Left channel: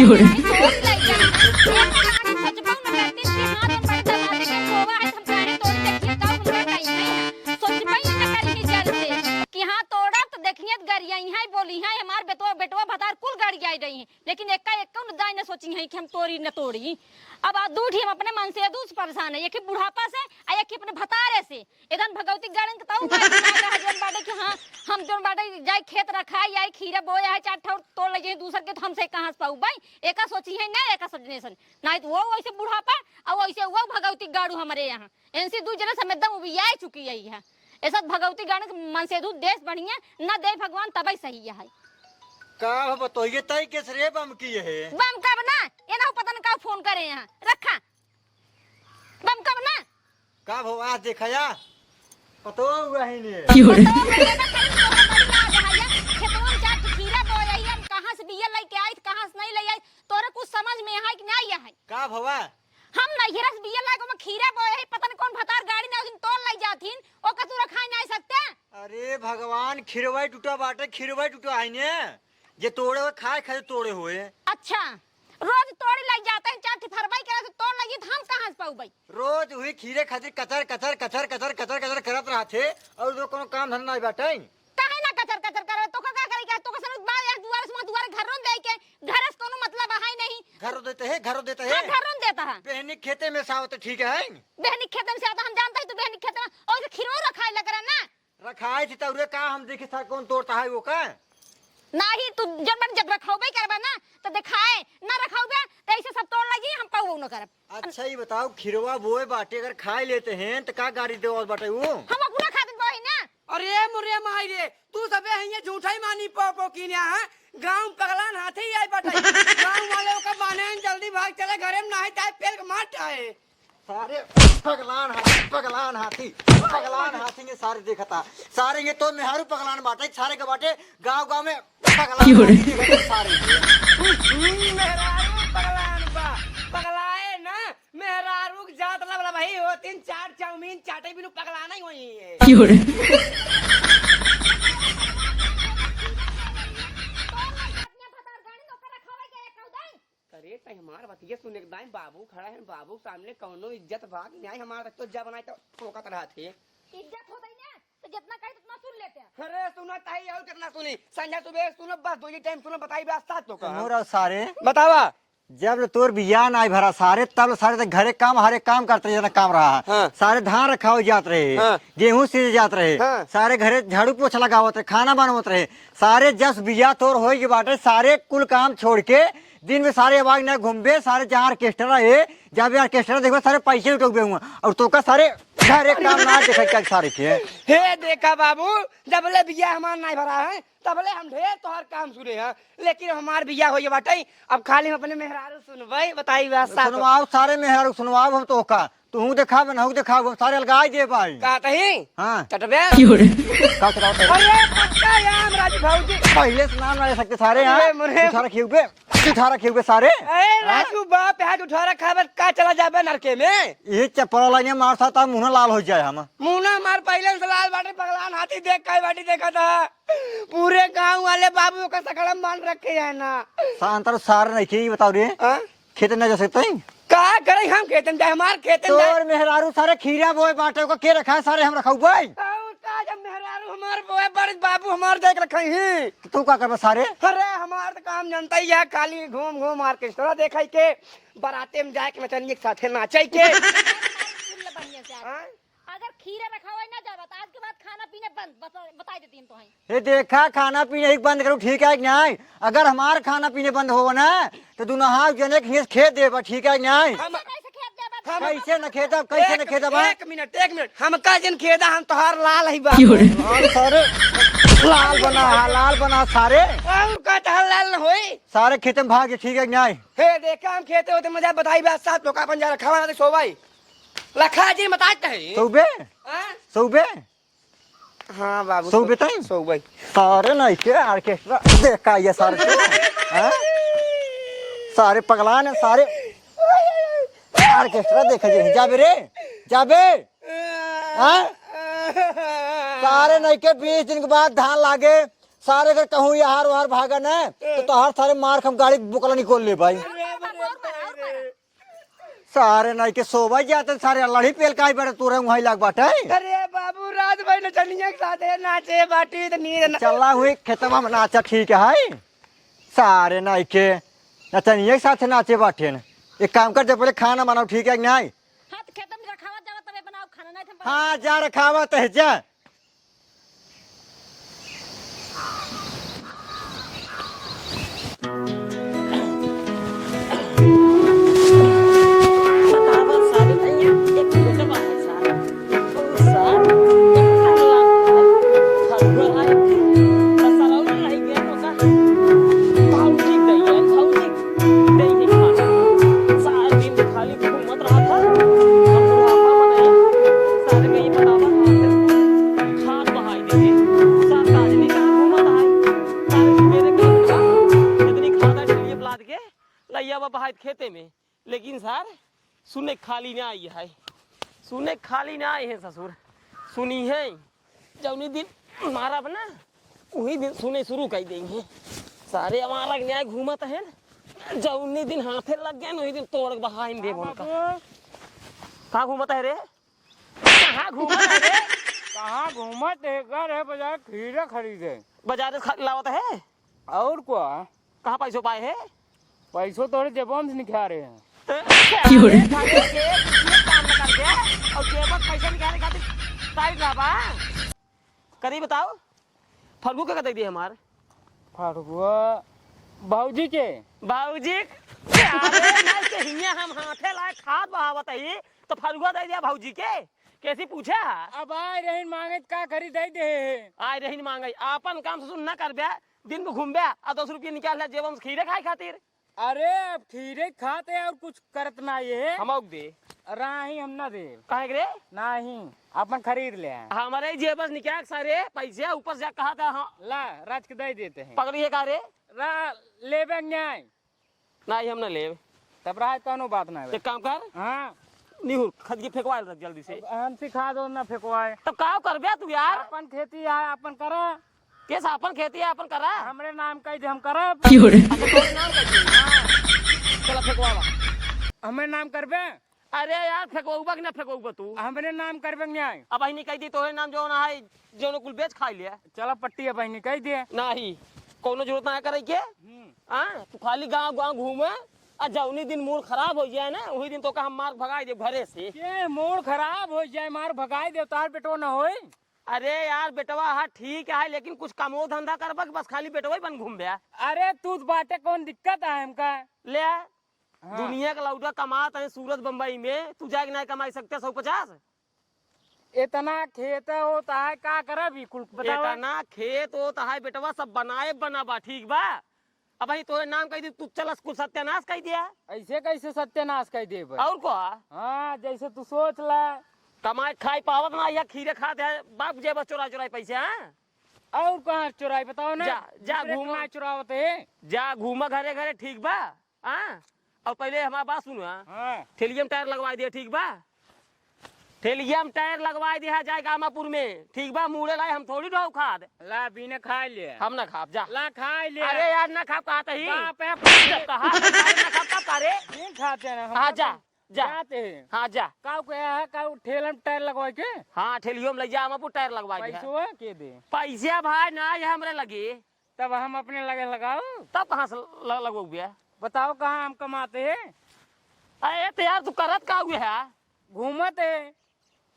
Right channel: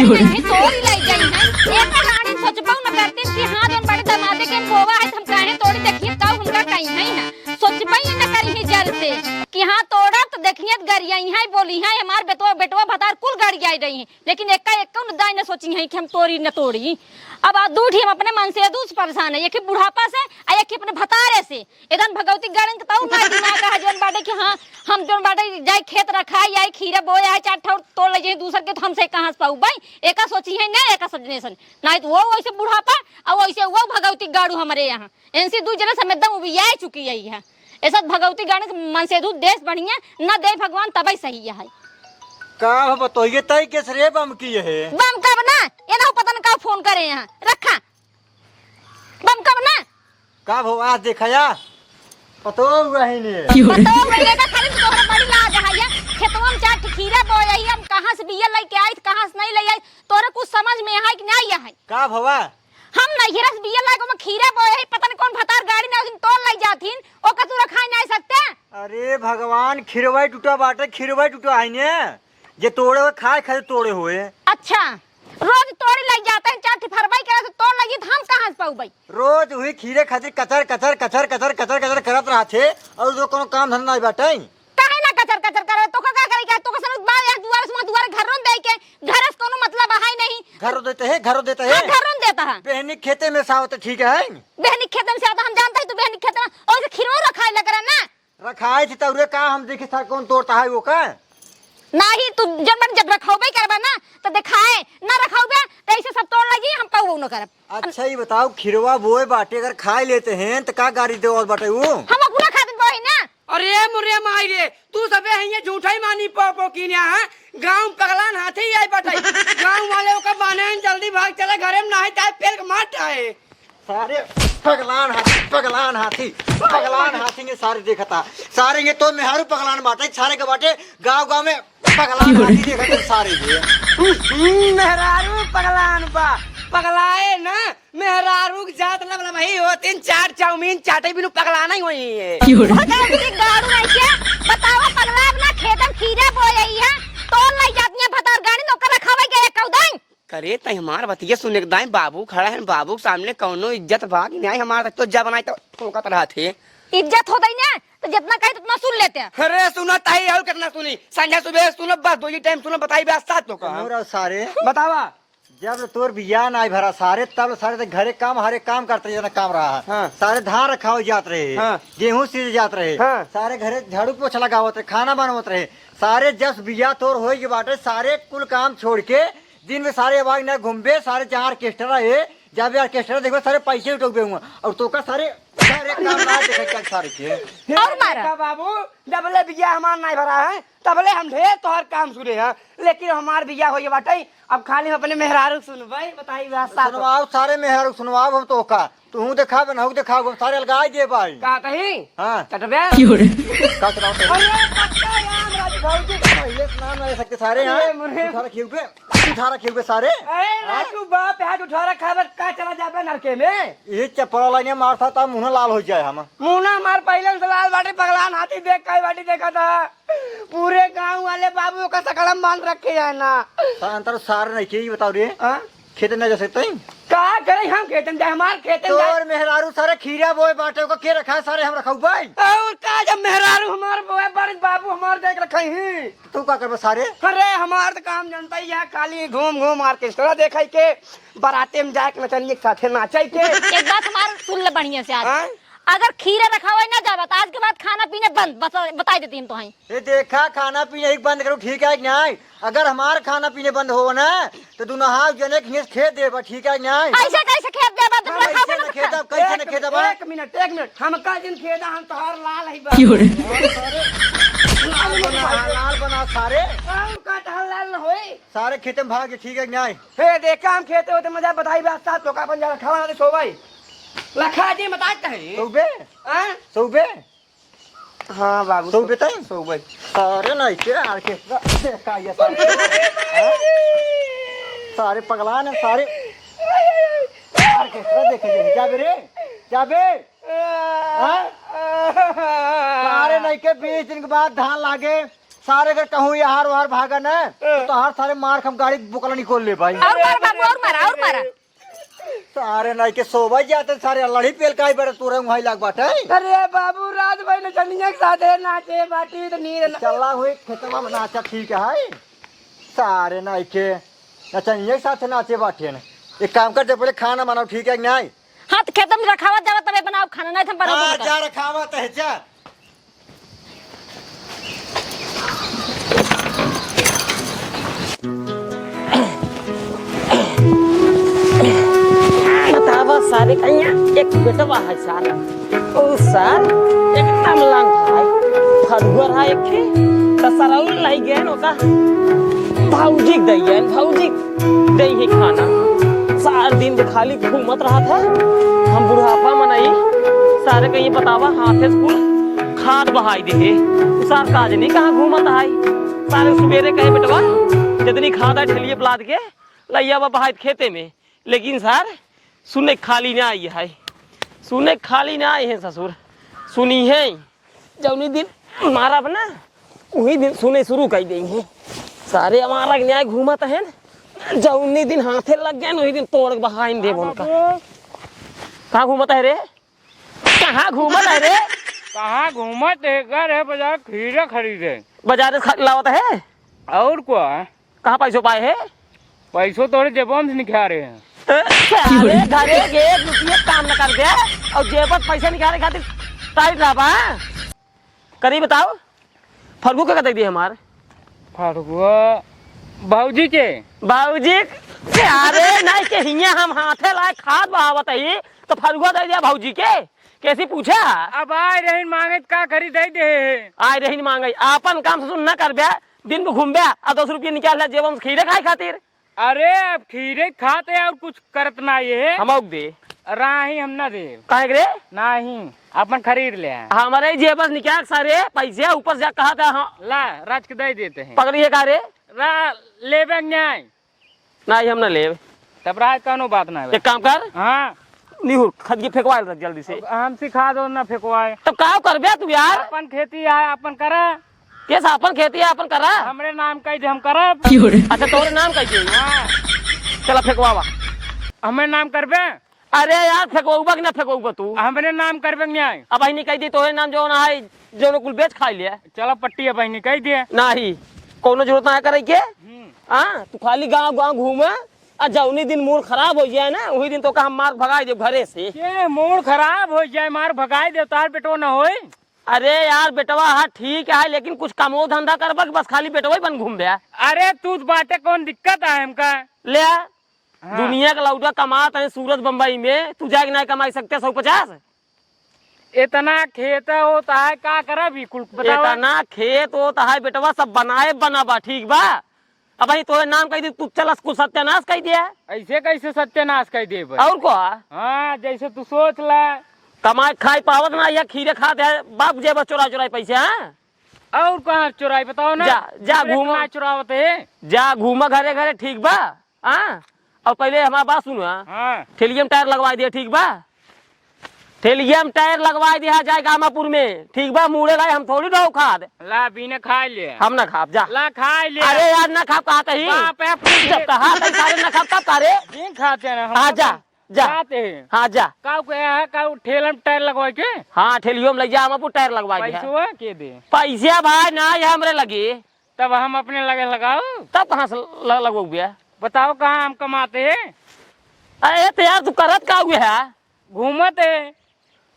नहीं तोड़ी लाई जाई है एक कहानी सोचबो न करती कि हां जोन बड़े दमादे के बोवा है हम काहे तोड़ी देखिए का उनका कहीं नहीं है सोचबई न करी ही जल से कि हां तोड़ा तो देखिए गरिया यहां बोली है हमार बेटवा भतार कुल गाड़ी आई रही है लेकिन एक न दाई न सोची है कि हम तोड़ी न तोड़ी अब दूठी हम अपने मन से दूस परेशान है एक ही बुढ़ापा से आ एक ही अपने भतारे से एकदम भगवती गाड़न के ताऊ मार दिमाग है जोन बाटे कि हां हम जोन बाटे जाई खेत रखा या खीरा बोया है चार ठो तोड़ ले दूसर के तो हमसे कहां से पाऊ भाई एका सोची है ना एका सजनेसन नहीं तो वो वैसे बुढ़ापा और वैसे वो भगवती गाड़ू हमारे यहाँ इनसे दू जने समेत दम उबिया चुकी है ऐसा भगवती गाड़न मन से दू देश बढ़िया न दे भगवान तबई सही है का बतोइए तई के रे बम की है बम कब ना ये ना पता न का फोन करे यहाँ रखा बम कब ना का भो आज देखया पतो वही ने पतो मेरे ना खाली तोहरा बड़ी लाज है खेतवा में चार खीरा बोई हम कहां से बिया लेके आई कहां से नहीं ले आई तोरे कुछ समझ में है कि नहीं है का भवा हम नहीं रस बिया लागे में खीरा बोई पता न कौन भतार गाड़ी ना उन तोड़ लाई जाथिन ओ का तू रखाई नहीं सकते अरे भगवान खिरवाई टूटा बाटे खिरवाई टूटा आई ने जे तोड़े हुए खाए खाए तोड़े हुए अच्छा रोज तोड़ी लाई जाते हैं चार फरवाई करे तो तोड़ लगी हम कहां से पाऊ भाई रोज हुई खीरे खातिर कचर कचर कचर कचर कचर कचर करत रहा थे और जो कोनो काम धंधा नहीं बाटे काहे ना कचर कचर करे तो का करे के तो का समझ बार यार दुआर घर रोन दे के घर से कोनो मतलब है नहीं घर देते हैं घर रोन देता है बहनी खेते में सावत ठीक है बहनी खेत में से आता हम जानता है तू बहनी खेत में और खीरो रखाई लग रहा ना रखाए थी तौरे का हम देखे था कौन तोड़ता है वो का नहीं तू जब रखौबे करबा ना तो दिखाए ना रखौबे तो ऐसे सब तोड़ लगी हम पाऊ न करब अच्छा ही बताओ खिरवा बोए बाटे अगर खाए लेते हैं तो का गाड़ी दे और बाटे वो हम पूरा खातिर बोई ना अरे मुरे माई रे तू सबे है झूठा ही मानी पो की ने हां गांव पगलान हाथी आई बटाई गांव वाले का माने जल्दी भाग चले घरे में नहीं चाहे पेड़ मार आए सारे पगलान हाथी ने सारे देखा था सारे ये तो मेहारू पगलान बाटे सारे के बाटे गांव में पगलान हाथी देखा सारे मेहरारू पगलान बा पगलाए ना मेहरारू की जात लग भाई हो तीन चार चाउमीन चाटे बिनु पगलाना ही होई है बताओ पगला अपना खेतम खीरा बोई है तोड़ लाई जाती है भतार गाड़ी नौकर रखावे के एक कौदाई करे तई हमार बतिया सुने के दाई बाबू खड़ा है बाबू के सामने कौनो इज्जत भाग नहीं हमार तो जब बनाई तो कोका तरह थे इज्जत होता ही ना तो जितना कहे उतना सुन लेते हैं अरे सुना ताई और कितना सुनी संध्या सुबह सुनो बस दो ही टाइम सुनो बताई बस साथ तो का सारे बतावा जब तोर बिया नहीं भरा सारे तब सारे तो घरे काम हरे काम करते जाता काम रहा हाँ। सारे धान रखाओ जात रहे हाँ। गेहूं सीज जात रहे हाँ। सारे घरे झाड़ू पोछा लगावत रहे खाना बनावत रहे सारे जस बिया तोर हो के बाटे सारे कुल काम छोड़ के दिन में सारे आवाज न घूमबे सारे जहाँ ऑर्केस्ट्रा है जब ऑर्केस्ट्रा देखो सारे पैसे उठोगे हुआ और तो का सारे सारे काम ना देखा चल सारे के हे देखा बाबू जबले बिया हमार नहीं भरा है तबले हम ढेर तोहर काम सुने हैं लेकिन हमार बिया होई बाटे अब खाली हम अपने मेहरारू सुनबे बताई बात सुनवाओ सारे मेहरारू सुनवाओ तो का तू देखाबे ना देखाबो सारे लगाई दे भाई कहते ही हां चटबे पहले सुना ना सकते सारे हां उठारा खेबे सारे ए राजू बाप है उठारा खाबर का चला जाबे लड़के में ये चप्पल लगे मारता था मुंह लाल हो जाए हम मुना मार पहले से लाल बाटी पगलान हाथी देख काई बाटी देखा था पूरे गांव वाले बाबू का सकड़म बांध रखे है ना अंतर सारे नहीं चाहिए बताओ रे हां खेत न जा सकते का करे हम खेतन के हमार खेतन तोर मेहरारू सारे खीरा बोए बाटे को के रखा सारे हम रखाऊ भाई और का जब मेहरारू हमार बोए बड़ बाबू हमार देख रखे हैं तू का करबे सारे अरे हमार तो काम जानता ही है खाली घूम घूम ऑर्केस्ट्रा देखाई के बाराते में जाके नचनिए के साथे नाचाई के एक बात हमार सुन ले बढ़िया से आज अगर खीरा रखा हुआ ना जावा आज के बाद खाना पीने बंद बता देती हम तो हैं ये देखा खाना पीने ही बंद करो ठीक है नहीं अगर हमार खाना पीने बंद हो ना तो तू नहा जने खेत दे ठीक है नहीं ऐसे कैसे खेत दे बंद कैसे न खेत कैसे न खेत एक मिनट हम का जन खेदा हम तोहार लाल ही बा सारे लाल बना सारे हम का तोहार लाल होई सारे खेत में भाग ठीक है नहीं हे देखा हम खेते होते मजा बताई बस साथ लोका अपन जा खावा में सो भाई लखा जी बताते हैं सुबह हां बाबू सुबह तई सो भाई सारे नहीं के ऑर्केस्ट्रा देखा ये सारे सारे पगलान है सारे ऑर्केस्ट्रा देखा जी जाबे सारे नहीं के 20 दिन के बाद धान लागे सारे अगर कहूँ ये हार वार भागा ना तो हर सारे मार हम गाड़ी बुकला निकोल ले भाई। और मार बाबू और मारा सारे नहीं के सोबा जाते सारे लड़ी पेल का बेटा तू रंग भाई लाग बाटा अरे बाबू रात भाई नचनिया के साथ नाचे बाटे तो नींद चला हुई खेतवा में नाचा ठीक है सारे नहीं के नचनिए के साथ नाचे बाटे न एक काम कर जब पहले खाना बनाओ ठीक है कि नहीं। हाँ तो खेत में रखावा जावा तबे बनाओ खाना नहीं तो हम बनाओ जा रखावा तो है जा सारे कहीं एक बेटवा है सारा ओ सर एक अमला है फरवर है एक तसराउल लाई गए नो का भौजी दे ही खाना सारा दिन जो खाली घूमत रहा था हम बुढ़ापा में नहीं सारे कहीं बतावा हाथ से खाद बहाई दे सार काज नहीं कहाँ घूमत है सारे सवेरे कहे बेटवा जितनी खाद है ठेलिए पलाद के लैया बहाई खेते में लेकिन सर सुने खाली ना आई है सुने खाली ना आए हैं ससुर सुनी है जौनी दिन मारा बना वही दिन सुने शुरू कर दी है सारे हमारा न्याय घूमत है जौनी दिन हाथे लग गए वही दिन तोड़ बहाइन दे उनका कहाँ घूमत है रे कहाँ घूमत है रे कहाँ घूमत है घर है बाजार खीरा खरीदे बाजार से लावत है और क्या कहाँ पैसों पाए है पैसों तोड़े जेबों से निकाल रहे हैं काम न कर गया और जेब पैसा निकालने खातिर टाइट रहा करी बताओ फरगू का दे दिए हमारे फरगुआ बाबूजी के बाबूजी अरे नहीं के हिया हम हाथे लाए खाद बहावत है तो फरगुआ दे दिया भाऊजी के कैसी पूछा अब आए रही मांगे का खरीद दे आए रही मांगे अपन काम से न कर बया दिन में घूम बया और 10 रुपये निकाल जेब हम खीरे खाए खातिर अरे अब खीरे खाते और कुछ करत ना ये हम दे राही हम ना दे कहे रे नहीं अपन खरीद ले हमारे जेब निकाल सारे पैसे ऊपर से कहा था हाँ ला राज के दे देते हैं पकड़िए का रे लेबे न्याय नहीं हम न ले तब राय कौनो बात ना एक काम कर हाँ नहीं खद के फेंकवा रख जल्दी से हम सिखा दो ना फेंकवाए तब का कर बे तू यार अपन खेती है अपन करा कैसा अपन खेती है अपन करा हमरे नाम कह दे हम करब अच्छा तोरे नाम कैसे हाँ चला फेंकवावा हमें नाम करबे अरे यार फेंकवाऊबा कि ना फेंकवाऊबा तू हमरे नाम करबे न्याय अब बहनी कह दी तोरे नाम जो ना है जो कुल बेच खा लिया चलो पट्टी है बहनी कह दिए नहीं कोनो जरूरत ना है करे के हाँ तू खाली गांव गांव घूमे और जौनी दिन मूड खराब हो जाए ना वही दिन तो का हम मार भगाई दे घरे से ये मूड खराब हो जाए मार भगाई दे तार बेटो न होए अरे यार बेटवा हाँ ठीक है लेकिन कुछ कमो धंधा करबा बस खाली बेटवा ही बन घूम गया अरे तू बाटे कौन दिक्कत है हमका ले दुनिया का लौटा कमात है सूरत बम्बई में तू जाके नहीं कमाई सकते 150 इतना खेत होता है का करब कुल बताओ इतना खेत होता है बेटवा सब बनाए बनाबा ठीक बा अब भाई तोरे नाम कह दी तू चल कुछ सत्यानाश कह दिया ऐसे कैसे सत्यानाश कह दे और को हाँ जैसे तू सोच ला कमाए खाए पावत ना या खीरे खाते है बाप जेब चोरा पैसे हाँ और कहाँ चुराई बताओ ना जा घूम चुरावत है जा घूमा घरे घरे ठीक बा हाँ और पहले हमारा बात सुनो हाँ ठेलियम टायर लगवा दिया ठीक बा ठेलियम टायर लगवा दिया जाए गामापुर में ठीक बा मुड़े लाए हम थोड़ी रहो खाद ला बीने खा ले हम ना खाप जा ला खा ले अरे यार ना खाप कहा कहीं बाप है ना खाप कब करे बीन खाते हैं हम हाँ जा जाते हैं हाँ जा काऊ के है काऊ ठेलम टायर लगवाए के हाँ ठेलियो में ले जा हम टायर लगवा दिया पैसा के दे पैसा भाई ना ये हमरे लगी तब हम अपने लगे लगाओ तब कहाँ से लगो गया बताओ कहाँ हम कमाते हैं अरे तो यार तू करत का हुआ है घूमत है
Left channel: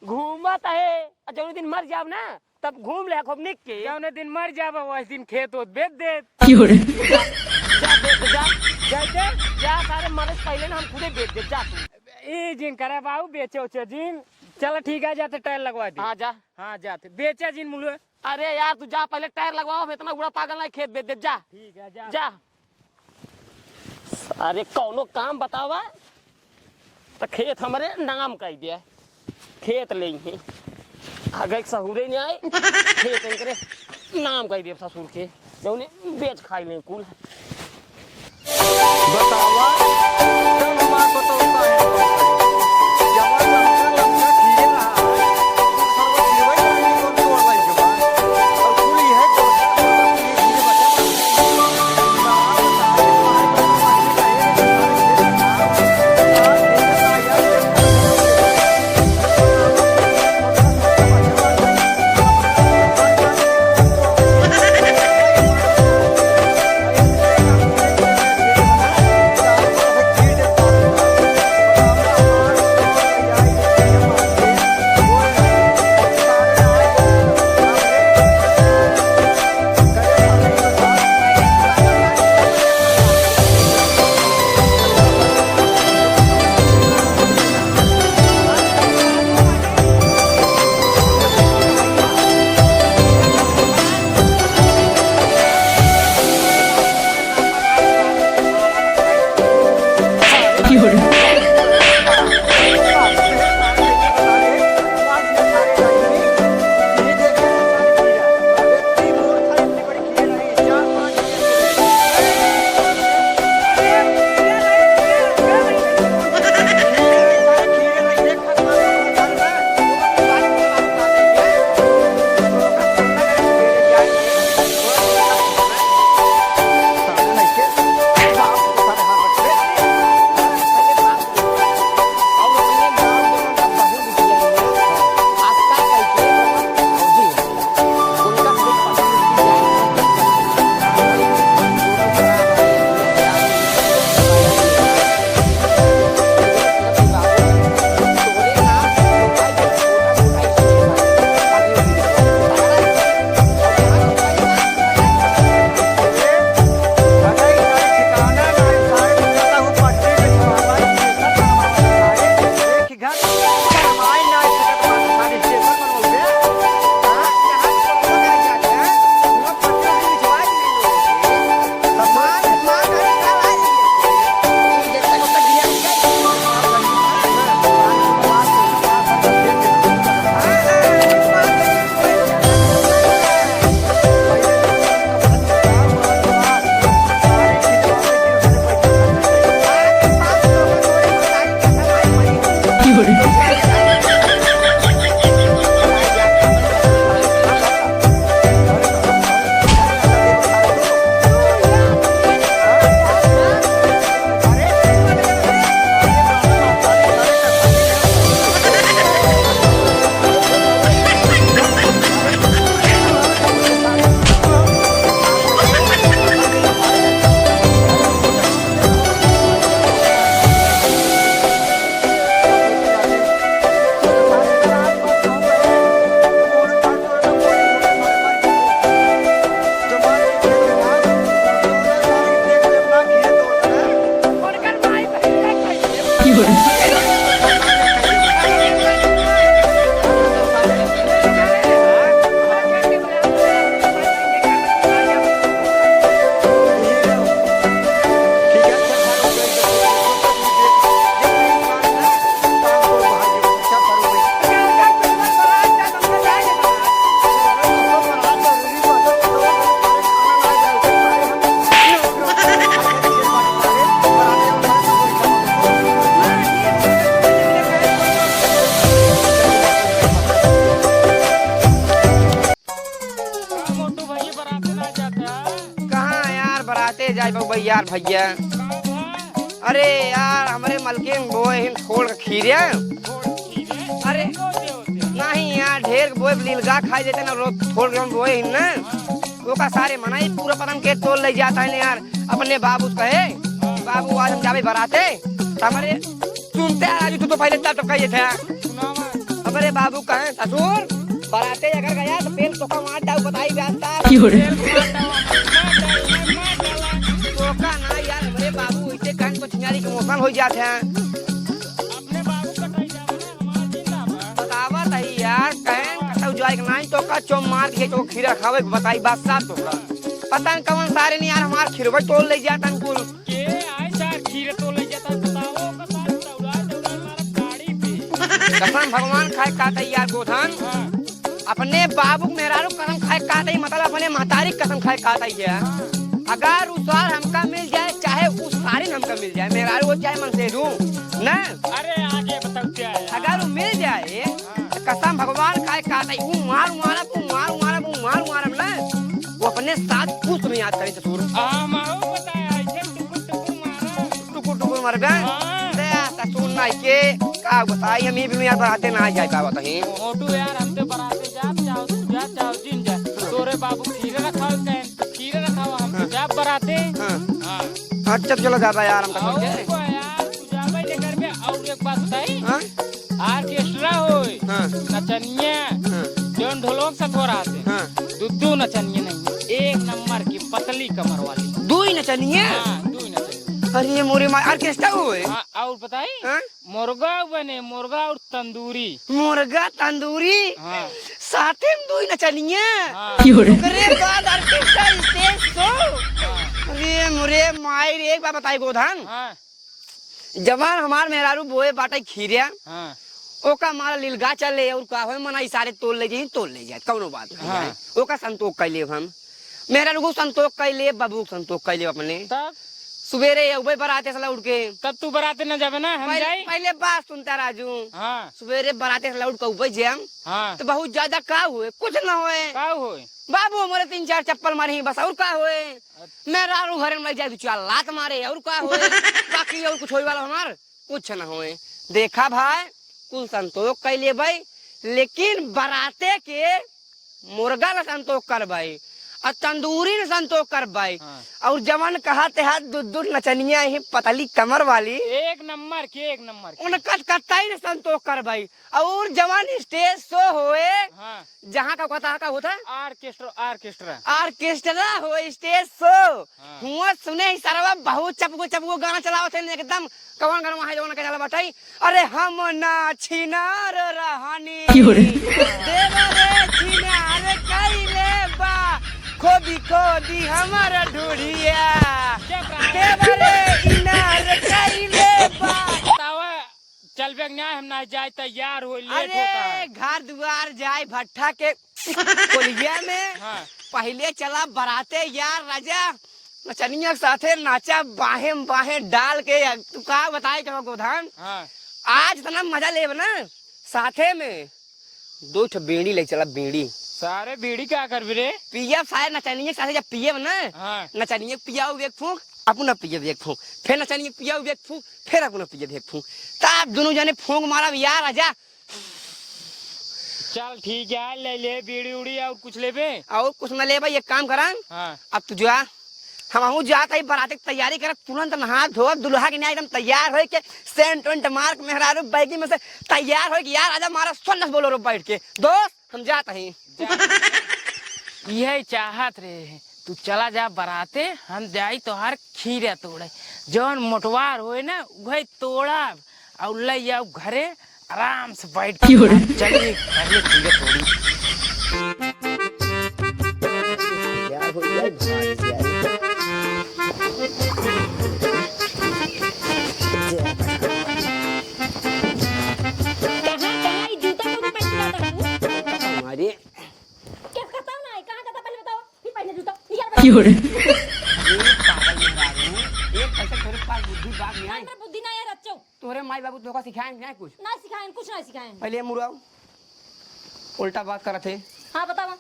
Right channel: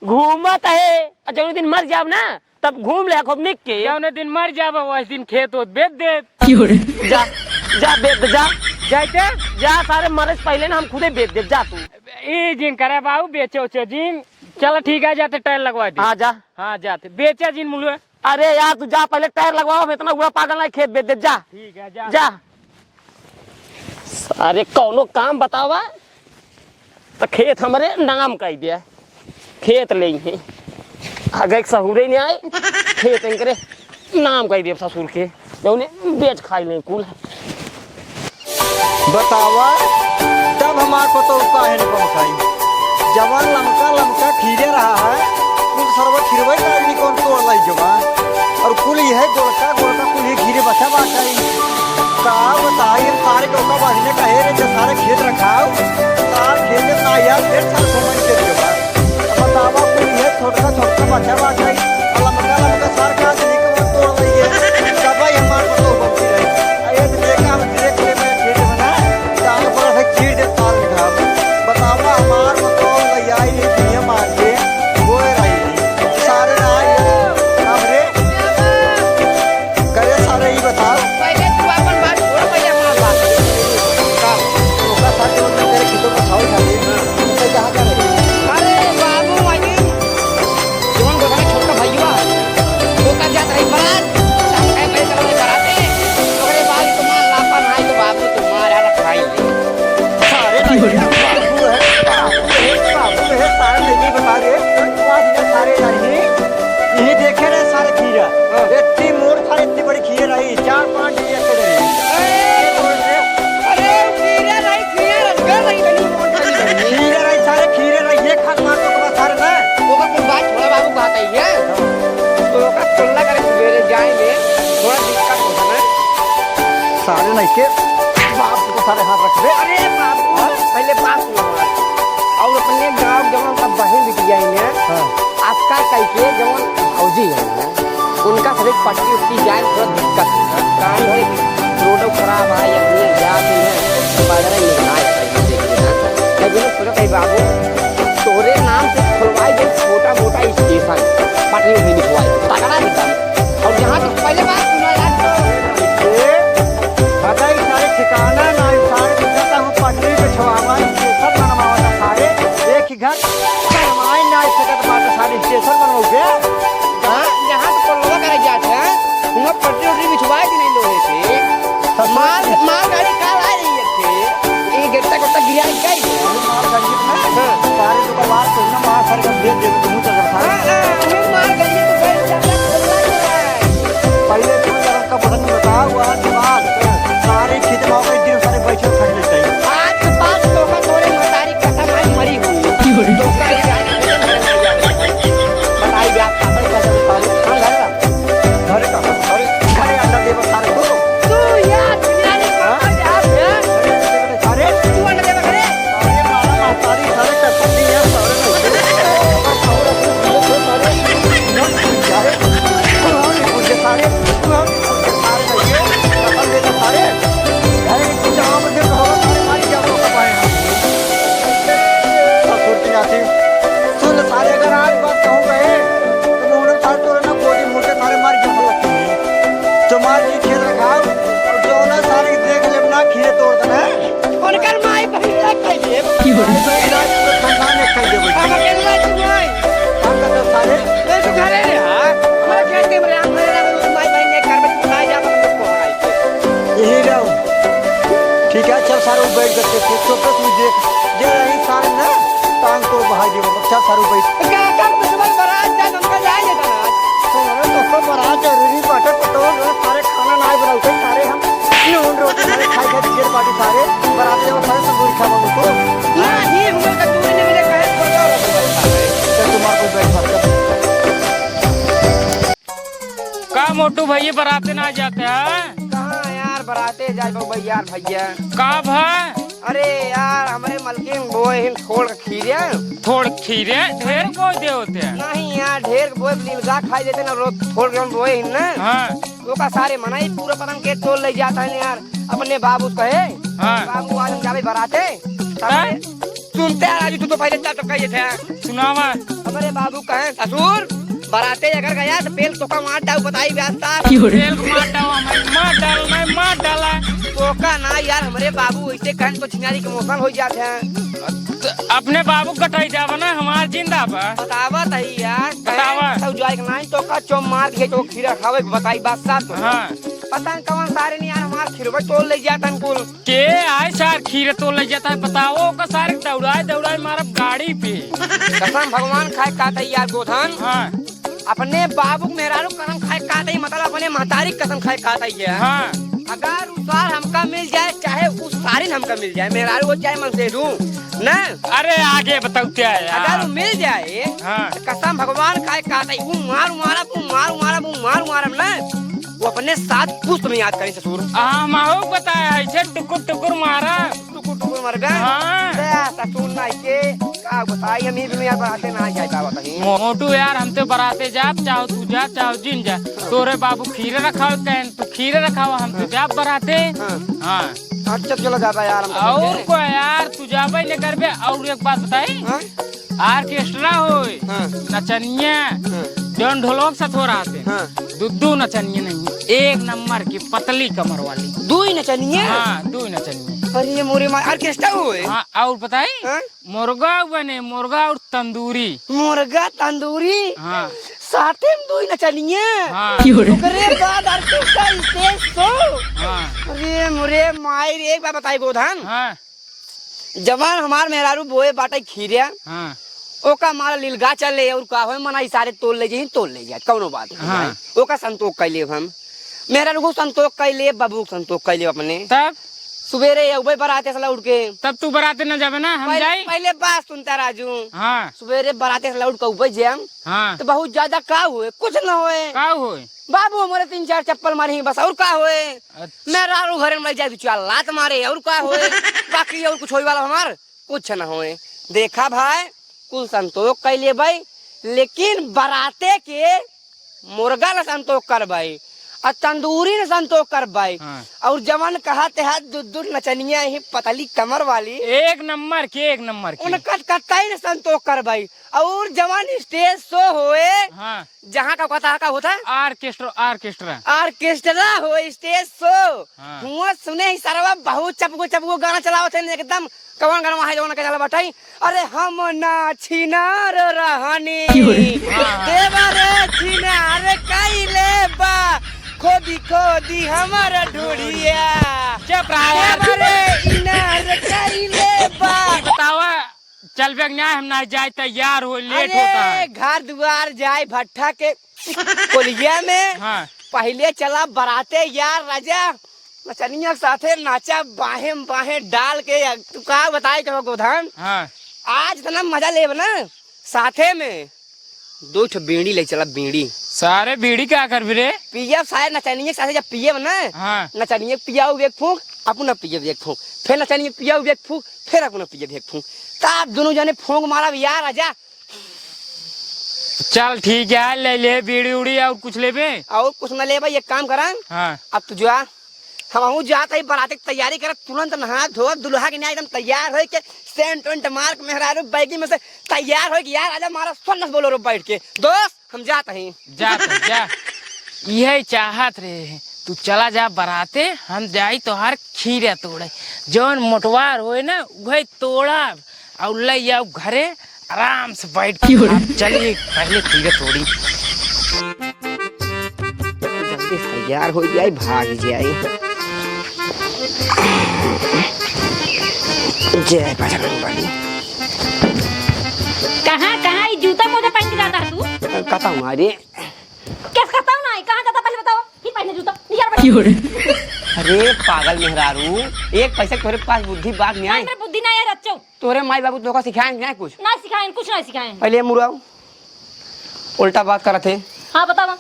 घूमत है जौन दिन मर जाब ना तब घूम ले खूब निक के जौन दिन मर जाब वैसे दिन खेत होत बेच दे जा जा बेच जा जाते जा सारे मरे से पहले ना हम खुदे बेच दे जा तू ई जिन करे बाबू बेचे उचे जिन चलो ठीक है जाते टायर लगवा दे हाँ जा हाँ जाते बेचे जिन मुलुए अरे यार तू जा पहले टायर लगवाओ इतना हुआ पागल नहीं खेत बेच दे जा ठीक है जा जा सारे कौनो काम बतावा तो खेत हमारे नाम कह दिया खेत ले आगे सहुरे नहीं आए खेत करे नाम कह दिया ससुर के बेच खाई नहीं कुल बतावा तब हमारे को तो काहे न कम खाई जवान लमका लमका खीरे रहा है कुल सरवा खिरवाई नहीं कौन तोड़ लाई जवा और कुल ये है गोलका गोलका कुल ये मोटू भैया बराते ना जाते हैं। कहाँ यार बराते जाए भैया भैया कब है? अरे यार हमारे मलकिन बोए छोड़ खीरे थोड़ खीरे ढेर को दे होते हैं। नहीं यार ढेर बोए नीलगा खाई देते ना रोज छोड़ के बोए ना हाँ वो का सारे मनाई पूरा पतंग के तोड़ ले जाता है यार अपने बाबू कहे हाँ बाबू आज जावे बराते सुनते हैं आज तू तो पहले जा चुका ये था सुनावा। हमारे बाबू कहे ससुर बराते अगर गया तो पेल तो का मार डाउ बताई व्यास्ता तेल मार डाला टोका ना यार हमारे बाबू ऐसे कहन को छिनारी के मौका हो जाते हैं अपने बाबू कटाई जावा ना हमार जिंदा बा। बतावा नहीं यार बतावा। तो जाए के नहीं तो का चो मार के तो खीरा खावे बताई बात साथ हाँ पतंग कवन सारे नहीं यार हमार खीरवा तोड़ ले जाता कुल के आए सार खीरे तो ले जाता है बताओ का सारे दौड़ाए मारा गाड़ी पे। कसम भगवान खाए काते यार गोधन हाँ अपने बाबू मेहरारू कसम खाए काते ही मतलब अपने महतारी कसम खाए काते ही है हाँ अगर उस बार हमका मिल जाए चाहे उस सारी हमका मिल जाए मेहरारू को चाहे मन से दूं ना अरे आगे बताओ क्या है अगर यार। वो मिल जाए हाँ कसम भगवान खाए काते ही मार ना वो अपने साथ पुष्प में याद करें ससुर हाँ माहू बताया ऐसे टुकुर मारा। टुकुर मर गए हाँ ससुर ना के का बताई हम भी याद आते ना जाए का बताइए मोटू यार हम तो बराते जाप चाहो तू जा चाहो जिन जा तोरे बाबू खीरे रखाओ तो खीरे रखाओ हम तो जाप बराते। हाँ अच्छा चलो जाता यार और को यार तू जाबे लेकर बे। और एक बात बताई हाँ आर्केस्ट्रा होए हाँ नचनिया जौन ढोलक से थोड़ा आते हाँ दू नचनिया नहीं एक नंबर की पतली कमर वाली। दू ही नचनिए हाँ दू नचनिया। अरे ये मोरी मार ऑर्केस्ट्रा हुए हाँ और बताई हाँ? मुर्गा बने मुर्गा और तंदूरी। मुर्गा तंदूरी हाँ साथे में दू ही नचनिए हाँ अरे बाद ऑर्केस्ट्रा स्टेज शो हाँ अरे मोरे माई एक बात बताई गोधन हाँ जवान हमार मेहरारू बोए बाटे खीरिया हाँ ओका मारा लीलगा चले और का होय मना सारे तोड़ ले जाई तोड़ ले जाए कौनो बात नहीं हाँ। ओका संतोष कैले हम मेहरारू को संतोष कैले बाबू संतोष कैले अपने तब सवेरे उबे बराते सला उठ के तब तू बराते न जाबे ना हम जाई। पहले बात सुनता राजू हाँ सवेरे बराते सला उठ के उबे जाम हाँ तो बहुत ज्यादा का हुए कुछ न हुए का होए बाबू हमारे 3-4 चप्पल मारे बस और का हुए मेहरारू घर में जाए 2-4 लात मारे और का हुए बाकी और कुछ होई वाला हमार कुछ न हुए देखा भाई कुल संतोष कैले भाई लेकिन बराते के मुर्गा न संतोष कर भाई और तंदूरी न संतोष कर भाई हाँ। और जवान कहा हाथ दूध नचनिया ही पतली कमर वाली एक नंबर की उनका कटाई न संतोष कर भाई और जवान स्टेज शो होए हाँ जहाँ का का होता आर्केस्ट्रा ऑर्केस्ट्रा हो स्टेज शो हाँ। हुआ सुने ही सारा बहुत चपको गाना चलाओ थे एकदम कौन गाना है जवान का चला बताई अरे हम ना छिनार रहनी देवरे छिनार कैले बा खोदी हमारा ढूढ़िया चुप रहा रे छिनार कैले बा बतावा चल बेग ना हम ना जाए तैयार हो लेट होता है। घर द्वार जाए भट्टा के कोलिया में हाँ पहले चला बराते यार राजा नचनिया साथे नाचा बाहे डाल के तू का बताए के गोधाम हाँ आज इतना मजा ले ना साथे में 2 बीड़ी ले चला बीड़ी सारे बीड़ी क्या कर रे पिया शायद नचनिया साथे जब पिए ना हाँ नचनिया पिया एक फूक अपना पिए एक फूक फिर नचनिया पिया एक फूक फिर अपना पिए एक फूक आप दोनों जने फूक मारा यार राजा चल ठीक है ले बीड़ी उड़ी और कुछ ले बे और कुछ न ले भाई एक काम करा हाँ अब तू जा हम जाता ही बराते की तैयारी कर तुरंत नहा धो दुल्हा के एकदम तैयार हो के सेंट वेंट मार्क मेहरारू बैगी में से तैयार हो यार आजा मारा 16 बोलो रो बैठ के दोस्त हम जाते हैं जा यही चाहत रहे तू चला जा बराते हम जाई तोहार खीरे तोड़े जौन मोटवार होए ना वही तोड़ा और ले जाओ घरे आराम से बैठ के चलिए पहले खीरे तोड़ी तैयार हो जाए भाग जाए जय बजरंगबली कहाँ ये जूता मोजा पहन के जाता है तू? कता हमारे कैसे करता हूँ ना कहाँ जाता पहले बताओ फिर पहने जूता निकाल अरे पागल मेहरारू एक पैसे तोरे पास बुद्धि बात नहीं आई मेरे बुद्धि ना है रच्चो तोरे माई बाबू तो का सिखाएं नहीं कुछ ना सिखाएं कुछ ना सिखाएं पहले मुराओ उल्टा बात करत थे हाँ बताओ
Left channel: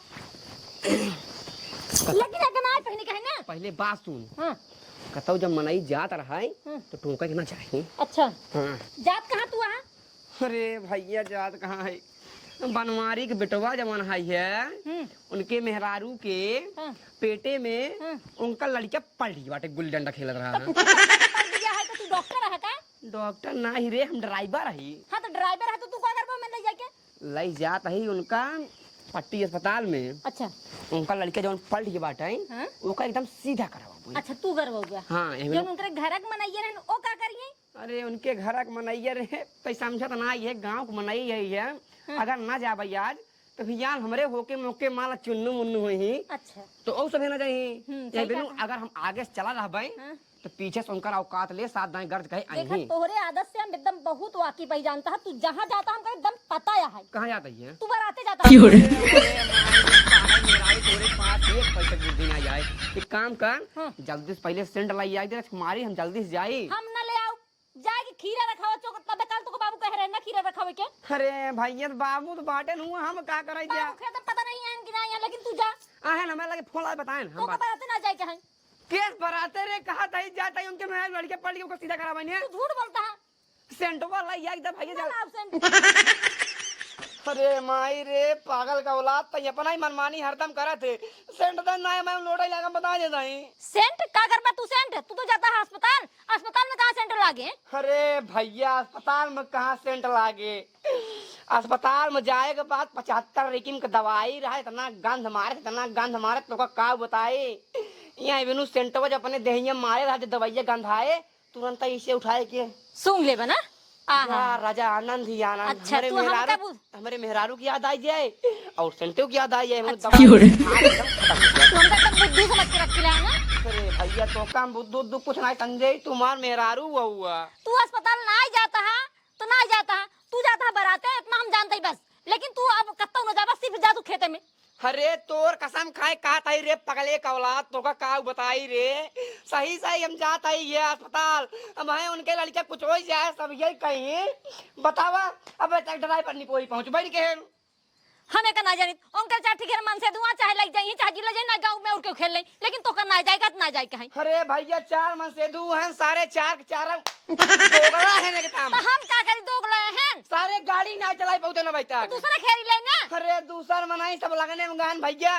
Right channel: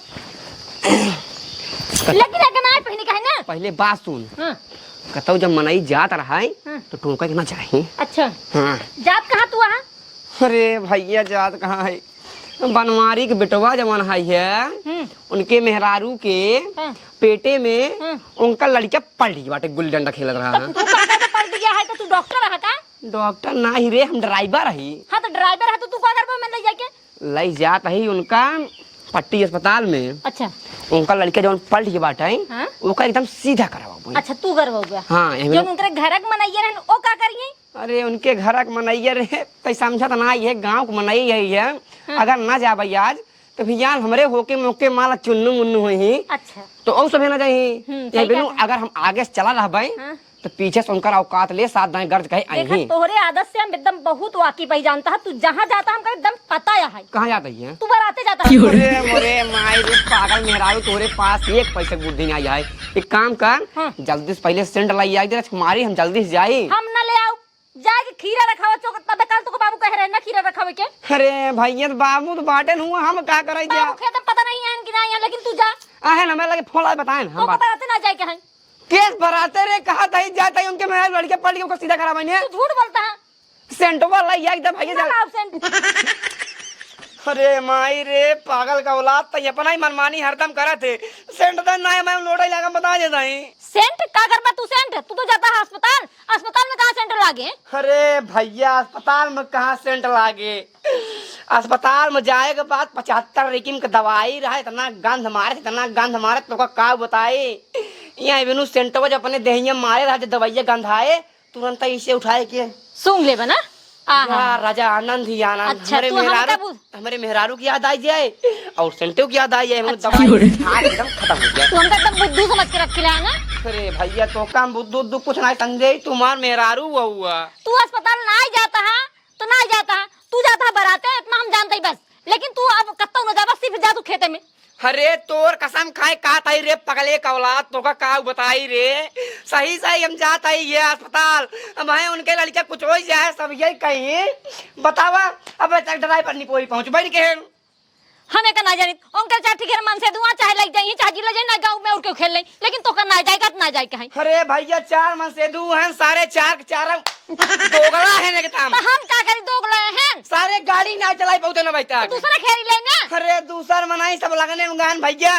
पहले बात सुन। हाँ। कहता जब मनाई जात रहा है हाँ। तो टोका के ना चाहे। अच्छा हाँ। जात कहाँ तू वहाँ? अरे भैया जात कहाँ है, बनवारी के बेटवा जवन है उनके मेहरारू के हाँ। पेटे में हाँ। उनका लड़का पड़ गई बाटे, गुल्ली डंडा खेल रहा है। पढ़ गया है तो तू डॉक्टर रहा का? डॉक्टर ना ही रे, हम ड्राइवर रही। हाँ तो ड्राइवर है तो तू क्या कर मैं ले जाके? लई जात है उनका पट्टी अस्पताल में। अच्छा उनका लड़का जवन पलट के बाटे हाँ? ओका एकदम सीधा करवा। अच्छा तू कर हो गया। हाँ जो उनके घर के मनैया रहन ओ का करिए? अरे उनके घर के मनैया रे कई समझत ना है, गांव के मनैया है। अगर ना जाबे आज तो भैया हमरे होके मौके माला चुन्नू मुन्नू होई। अच्छा तो और सब है ना जाही। सही ये बिनु कहा। अगर हम आगे से चला रहबे हाँ। तो पीछे से उनका औकात ले साथ दाएं गर्ज कहे देखा आई। तोहरे आदत से हम एकदम बहुत वाकिफ है, जानता है तू जहाँ जाता हमका एकदम पता है। कहाँ जाता है? तू बराते जाता है। अरे माय रे पागल मेहरारू, तोरे पास एक पैसे बुद्धि ना जाए। एक काम कर, हाँ। जल्दी से पहले सेंट लाई आई दे कुमारी, हम जल्दी से जाई। हम ना ले आओ जाके खीरा रखावा चौक तब कल तो बाबू कह रहे ना खीरा रखावे के। अरे भैया तो बाबू तो बाटन हुआ, हम का करे जा। बाबू खेत में पता नहीं है कि नहीं है, लेकिन तू जा आहे ना मैं लगे फोन आए बताएं तो हम बात। बराते ना जाए के है। केस भराते रे कहा था जाता है उनके मेहरारू लड़के पड़ के उसको सीधा करा मैंने। तू झूठ बोलता है। सेंट वाला आई एकदम भैया ना जा। absent। अरे माई रे पागल का औलाद तो अपना ही मनमानी हरदम करा थे। सेंट तो ना मैं लोड़ा लगा बता देता ही। सेंट का करबा तू? सेंट तू तो जाता है अस्पताल, अस्पताल में कहाँ सेंट लागे? अरे भैया अस्पताल में कहाँ सेंट लागे, अस्पताल में जाए के बाद 75 रेकिम का दवाई रहा, इतना गंध मारे तो का बताए। यहाँ बिनु सेंटवा जब अपने देहिया मारे रहा, दवाइया गंधाए तुरंत इसे उठाए के सूंघ ले बना। यार राजा आनंद ही आनंद। अच्छा, तू हमका बोल। हमारे मेहरारू की याद आई जाए और सेंटो की याद आई जाए। अच्छा। दवाई एकदम खत्म हो गया। तू हमका एकदम बुद्धू समझ के रख है ना। अरे भैया तो काम बुद्धू कुछ नहीं समझे, तुम्हार मेहरारू हुआ। तू अस्पताल ना ही जाता है तो ना ही जाता है, तू जाता है बराते, इतना हम जानते ही बस। लेकिन तू अब कत्ता न जाबा, सिर्फ जा तू खेते में। अरे तोर कसम खाए का ताई रे पगले का औलाद, तो का बताई रे। सही हम जात आई ये अस्पताल, अब है उनके लड़के कुछ हो जाए सब यही कहीं बतावा। अब तक ड्राइवर नहीं कोई पहुंच बैठ के हमें का ना जाने उनके चाहे ठीक है मन से दुआ चाहे लग जाए चाहे जिला जाए ना गांव में उड़ के खेल ले, लेकिन तो का ना जाएगा ना जाए कहीं। अरे भैया 4 मन से दू हैं, सारे चार दोगला है ना के तो हम क्या करी दोगला हैं? सारे गाड़ी ना चलाई बहुते ना बैठा। दूसरा खेरी लेना। अरे दूसर मनाई सब लगने में गान भैया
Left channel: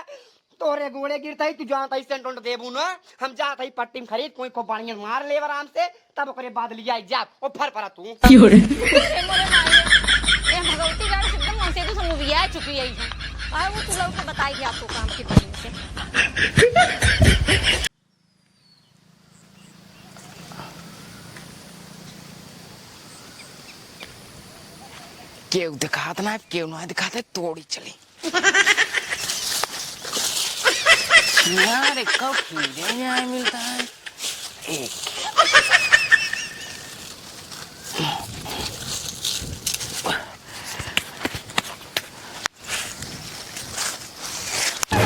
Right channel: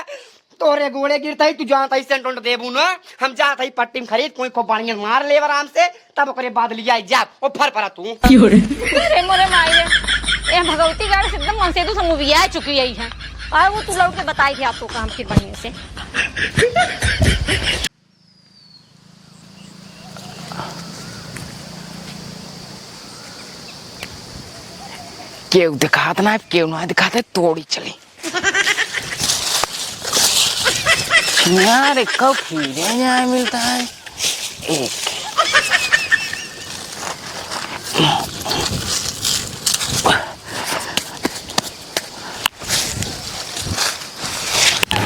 तोरे गोड़े गिरता ही तू जानता ही सेंट देबू ना। हम जात ही पट्टी में खरीद कोई को बढ़िया मार ले आराम से, तब ओकरे बाद लिया जा ओ फर परा तू। अरे मोरे माई ए भगवती गाड़ी से एकदम मन से तो मूवी आ चुकी है। और वो तू लौट के बताई थी आपको काम की बढ़िया से। केव दिखात ना केव ना दिखाते तोड़ी चली यार। कब खीरे यहाँ मिलता है एक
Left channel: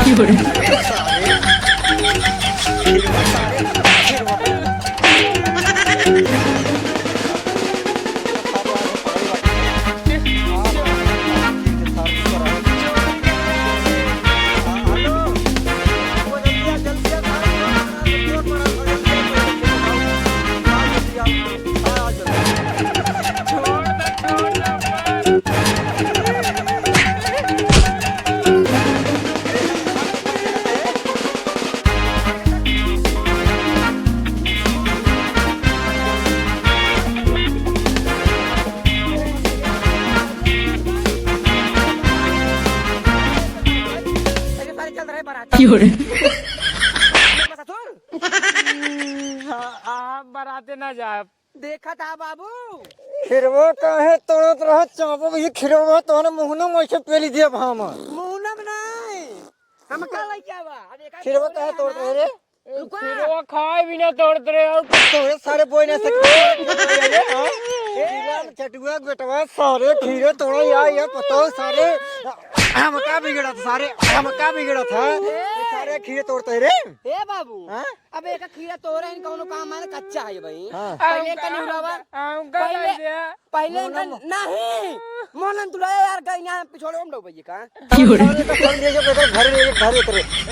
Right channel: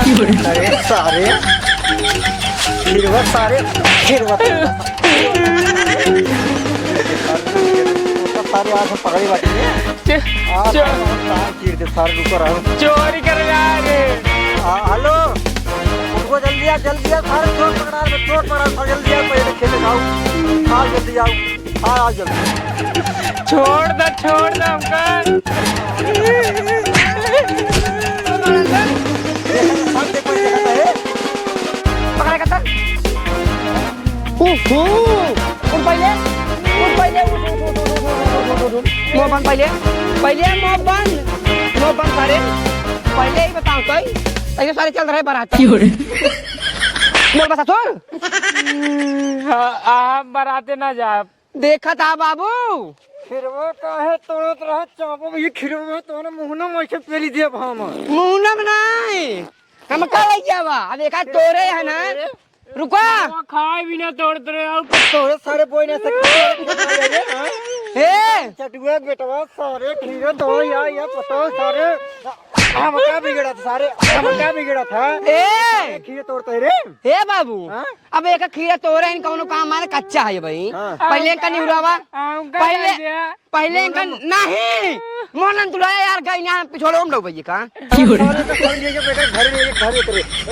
चोरी कर हेलो वो जल्दी आ सारे चोट पकड़ा जल्दी आ पहले खेले जाओ। जल्दी आओ जल्दी छोड़ दो सारे चल रहे बाराती आप बराते ना जा। देखा था बाबू खिरवा काहे तोड़त रह चापो ये खिरवा तोने मुहना में से पेली दिया भाम मुहनम नहीं हम का लग जावा। अब एक तोरे है ना, रुको वो खाए बिना तोड़ते रहे और तोरे सारे बोई ना सकते हे चटुआ बेटवा सारे खीरे तो ये पता सारे हम क्या बिगड़ा था सारे हम क्या बिगड़ा था ए खीरे तोड़ते रे। हे बाबू अब एक खीरा तोरे इन कौनो काम मारे कच्चा है भाई। पहले का नहीं हुआ पहले इनका नहीं मोहन तुड़ा यार कहीं ना पिछोड़ो हम लोग भैया का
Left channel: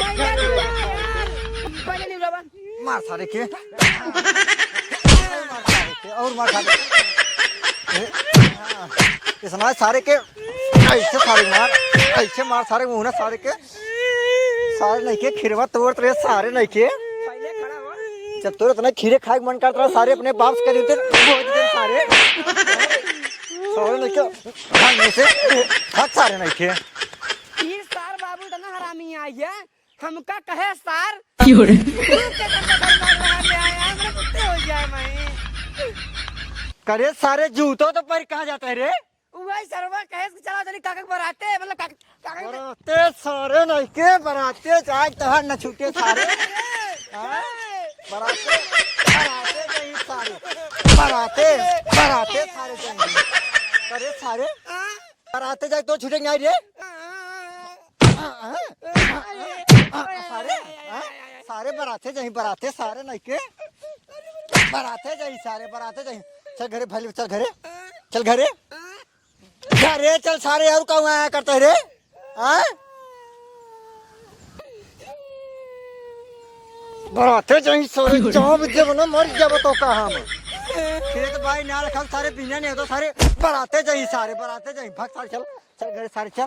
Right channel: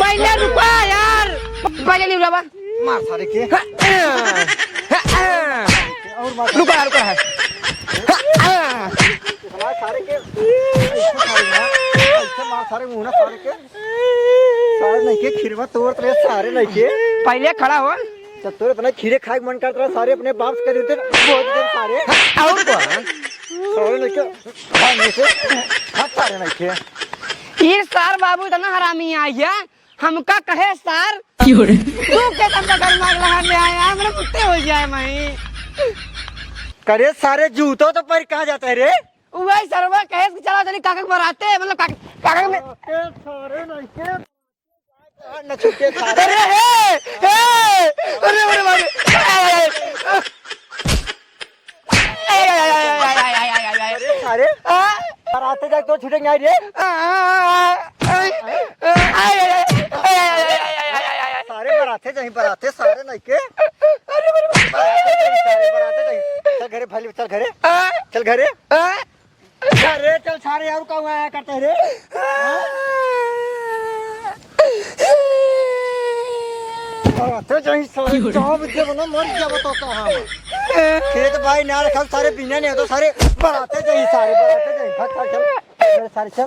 पहले रुको यार पहले नहीं बाबा मार सारे के और मार रुका रुका है समाज सारे के ऐसे मार सारे मुंह सारे के सारे नहीं के खीरवा तोड़ रहे सारे नहीं के पहले खड़ा हो जब तोरे इतना खीरे खाए मन करता रहा सारे अपने बाप कर देते सारे और सारे नहीं के सारे नहीं के ये सार बाबू इतना हरामी आई है हमका कहे सार तू के तंदा घर मार रहा ले आया हमरे कुत्ते हो जाए मैं करे सारे जूतों तो पर कहाँ जाता है रे वही सरवा कहे कि चला चली काका बराते मतलब काका में बराते सारे नहीं के बराते चाहे तहर न छुटे सारे बराते सारे बराते जाके तो छुटेंगे आई रे सारे बराते जाए बराते सारे नहीं के सारे बराते जाए चल घरे फैली चल घरे चल घरे अरे चल सारे यार का आया करते रे बराते जाए सारे जाओ विद्या बनो मर गया बताओ कहाँ खेत भाई ना रखा सारे पीने नहीं तो सारे बराते जाए भाग चल सारे चल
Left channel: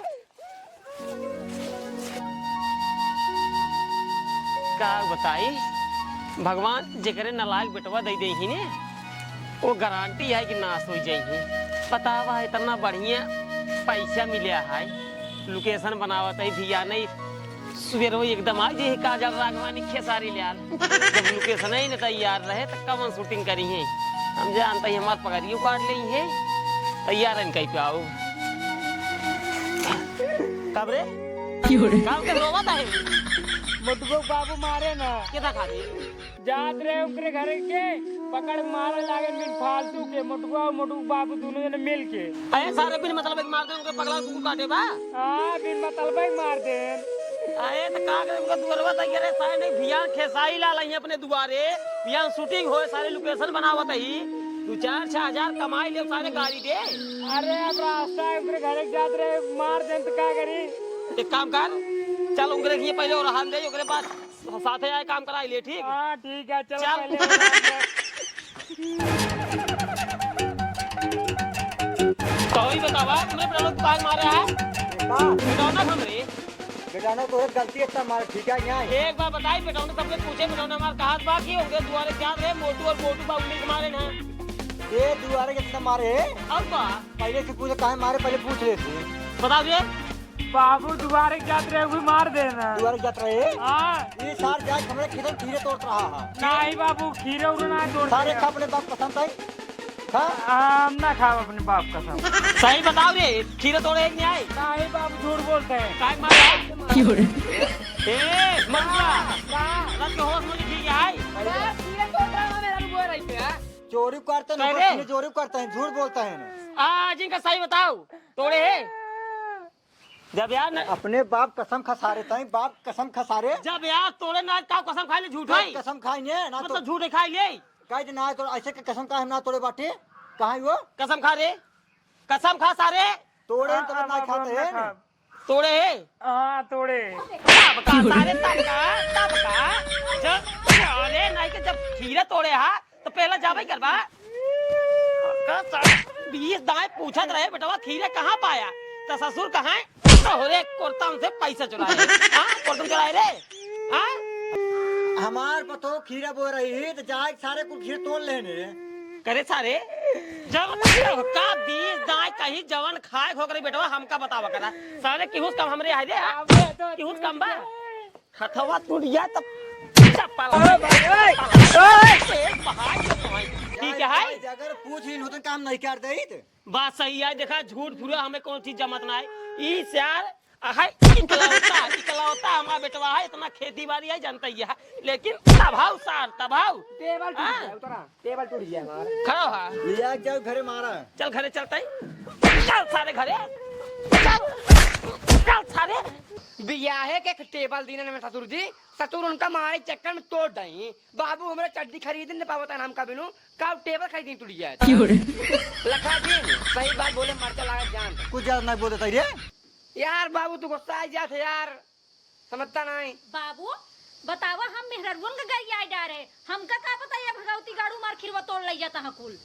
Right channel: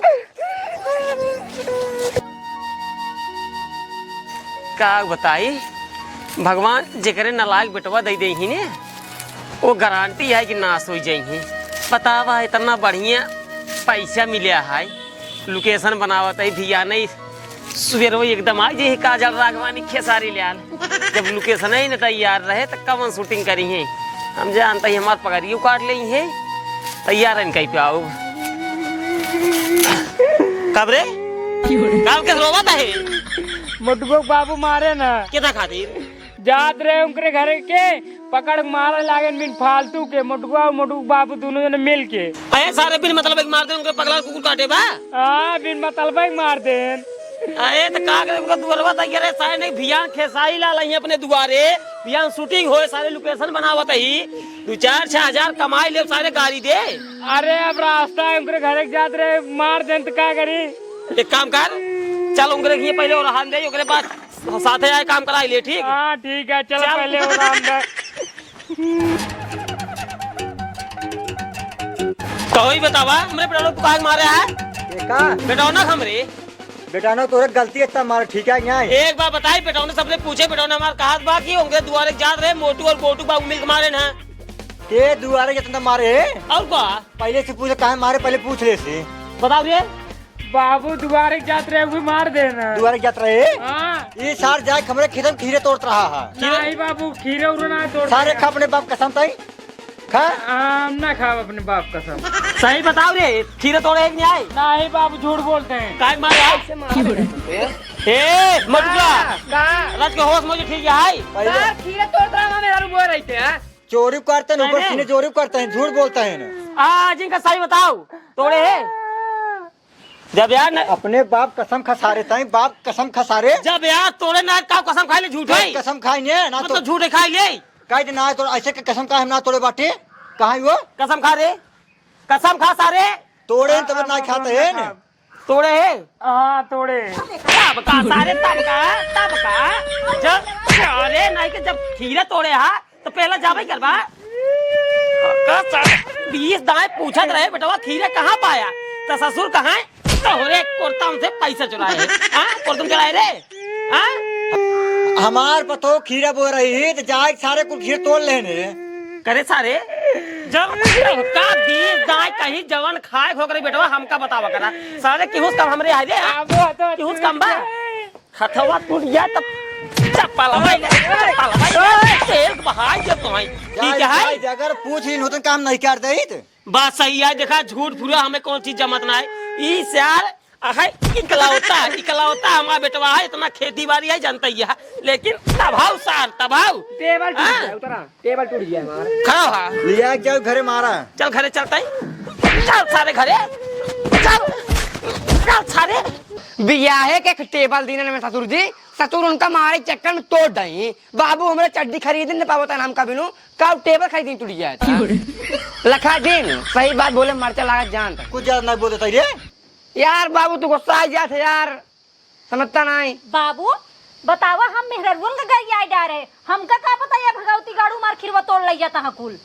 का बताई भगवान जेकरे नलायक बेटवा दे दे ही ने वो गारंटी है कि नाश हो जाई बतावा इतना बढ़िया पैसा मिला है लोकेशन बनावत है भिया नहीं सुबह वो एकदम आ जे काजल राघवानी खेसारी लियाल जब लोकेशन ही न तैयार रहे तो कवन शूटिंग करी है हम जानते ही हमार पगड़ियों काट ली है तैयार है कहीं पे आओ कबरे काम के रोवत है मुटको बाबू मारे ना कितना खातिर जात रहे उनके घर के पकड़ मारे लागे बिन फालतू के मुटुआ और मुटुक बाबू दोनों जने मिल के अरे सारे बिन मतलब मार दे उनके पगला कुकुर काटे बा हाँ बिन मतलब मार दे अरे तो का करे उनका दुआरवा तैयार है सारे नहीं भियान खेसाई ला लई अपने दुआरे भियान शूटिंग होए सारे लोकेशन बनावत ही 2-4 हजार कमाई ले सारे गाड़ी दे अरे अब रास्ता है उनके घर के जात रहे मार दे तो क्या करी एक काम कर चल उनके लिए पहले और हाथ दे ओकरे बाद साथे आए काम कराई ले ठीक हाँ ठीक है चलो पहले वो राम दे तो ही बतावा हमरे बेटा को काहे मारे है देखा बेटा ना हमरे बेटा ना तो गलती है मार ठीक है यहाँ एक बार बताई बेटा ने सबने पूछे बेटा ने हमारे कहा बा कि उनके दुआरे जात रहे मोटू और मोटू बाबू मिलकर मारे ना ये दुआरे कितना मारे और बा पहले से पूछे कहाँ मारे पहले पूछ ले से बताओ ये बाबू दोबारा जात रहे भी मार देना दुआरे जात रहे हाँ ये सार जाए हमारे खेतन खीरे तोड़ रहा है नहीं बाबू खीरे उड़ना तोड़ सारे खा अपने बाप कसम ताई खा हम ना खाओ अपने बाप कसम सही बताओ रे खीरे तोड़े नहीं आए नहीं बाबू झूठ बोलते हैं काय मारे ए मटुआ रात के होश मुझे ठीक है खीरे तोड़ रहा मेरा रुपये रहते हैं चोरी करते हैं ऊपर सीने चोरी करते हैं झूठ बोलता है ना जिनका सही बताओ तोड़े है जब यार अपने बाप कसम खसारे ताई बाप कसम खसारे जब यार तोड़े ना का कसम खाई ले झूठ है कसम खाई ने ना तो मतलब झूठे खाई ले काहे ना तो ऐसे के कसम का हम ना तोड़े बाटे कहाँ वो कसम खा रे कसम खा सारे तोड़े तब ना खाते हैं ना तोड़े है हाँ तोड़े तब का सारे तब का जब अरे नहीं कि जब खीरे तोड़े हा तो पहला जावे करवा 20 दाएं पूछत रहे बेटवा खीरे कहाँ पाया तो ससुर कहाँ है तो होरे कोर्ता से पैसा चुराए हां कोर्तम चुराए रे हां हमार पतो खीरा बो रही तो जाए सारे कुल खीर तोड़ लेने करे सारे जब का 20 दाएं कहीं जवन खाए हो करे बेटवा हमका बतावा करा सारे किहुस कम हमरे आ रे किहुस कम बा हथवा टूट गया तब चप्पल तेल बहाई जो तो ठीक है अगर पूछ ही नूतन काम नहीं कर दे बात सही है देखा झूठ फूरा हमें कौन चीज जमत ना है इस यार इकलौता हमारा बेटवा है इतना खेती बाड़ी है जानता ही है लेकिन तभाव सार तभाव टेबल टूट गया उतरा टेबल टूट गया हमारा खड़ा हो लिया जाओ घरे मारा चल घरे चलता है चल सारे घरे चल सारे बियाहे के टेबल दीने में ससुर उनका मारे चक्कर में तोड़ दई बाबू हमारे चड्डी खरीद नहीं पावता नाम का बिनु कब टेबल खरीद टूट गया लखा दिन सही बात बोले मरचा लगा जान कुछ ज्यादा नहीं बोलते रे यार बाबू तू गुस्सा आ जाते यार समझता नहीं बाबू बतावा हम मेहररुन का गई आई डारे हमका का पता ये भगवती गाड़ू मार खिरवा तोड़ लई जाता है कुल।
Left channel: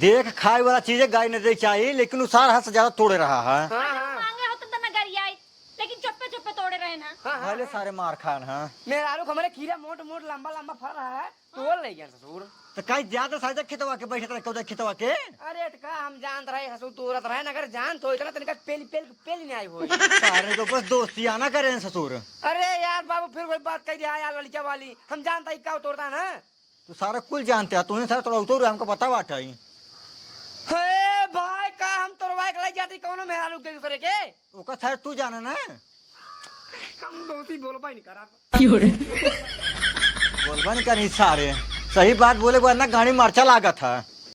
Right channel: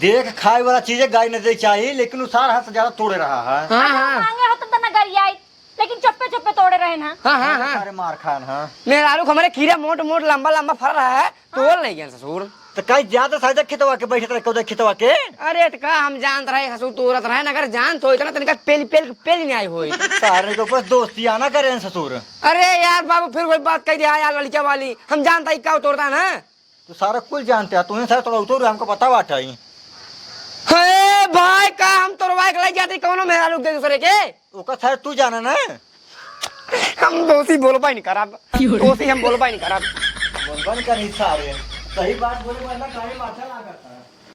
देख खाए वाला चीजें गाय नहीं दे चाहिए, लेकिन उसार हाथ से ज्यादा तोड़े रहा है। हाँ हाँ मांगे होता तो ना गई आई, लेकिन चप्पे चप्पे तोड़े रहे ना। हाँ हाँ हाँ सारे मार खान है। मेरा आलू हमारे खीरा मोट मोट लंबा लंबा फर रहा है, तोड़ नहीं गया ससुर। तो कहीं ज्यादा साइड खितवा के बैठे रहे कौन खितवा के। अरे तो का हम जानत रहे ससुर तोड़त रहे, अगर जान तो इतना तनिका पेल पेल पेल नहीं आई होई। सारे के ऊपर दोस्ती आना करे ससुर। अरे यार बाबू फिर कोई बात कह दिया यार लड़किया वाली, हम जानता ही क्या तोड़ता ना। तो सारा कुल जानते हैं, तुम्हें सारा थोड़ा उतर हमको पता बात है। अरे भाई का हम तोड़वा के ले जाते कौनो मेरा लोग दूसरे के। ओका सारे तू जाना ना। हम दोस्ती बोल पाई नहीं खराब, दोस्ती हम बोल पाई नहीं खराब। बोलबा नहीं करे सारे, सही बात बोले वरना गाड़ी मार्चा लागत है।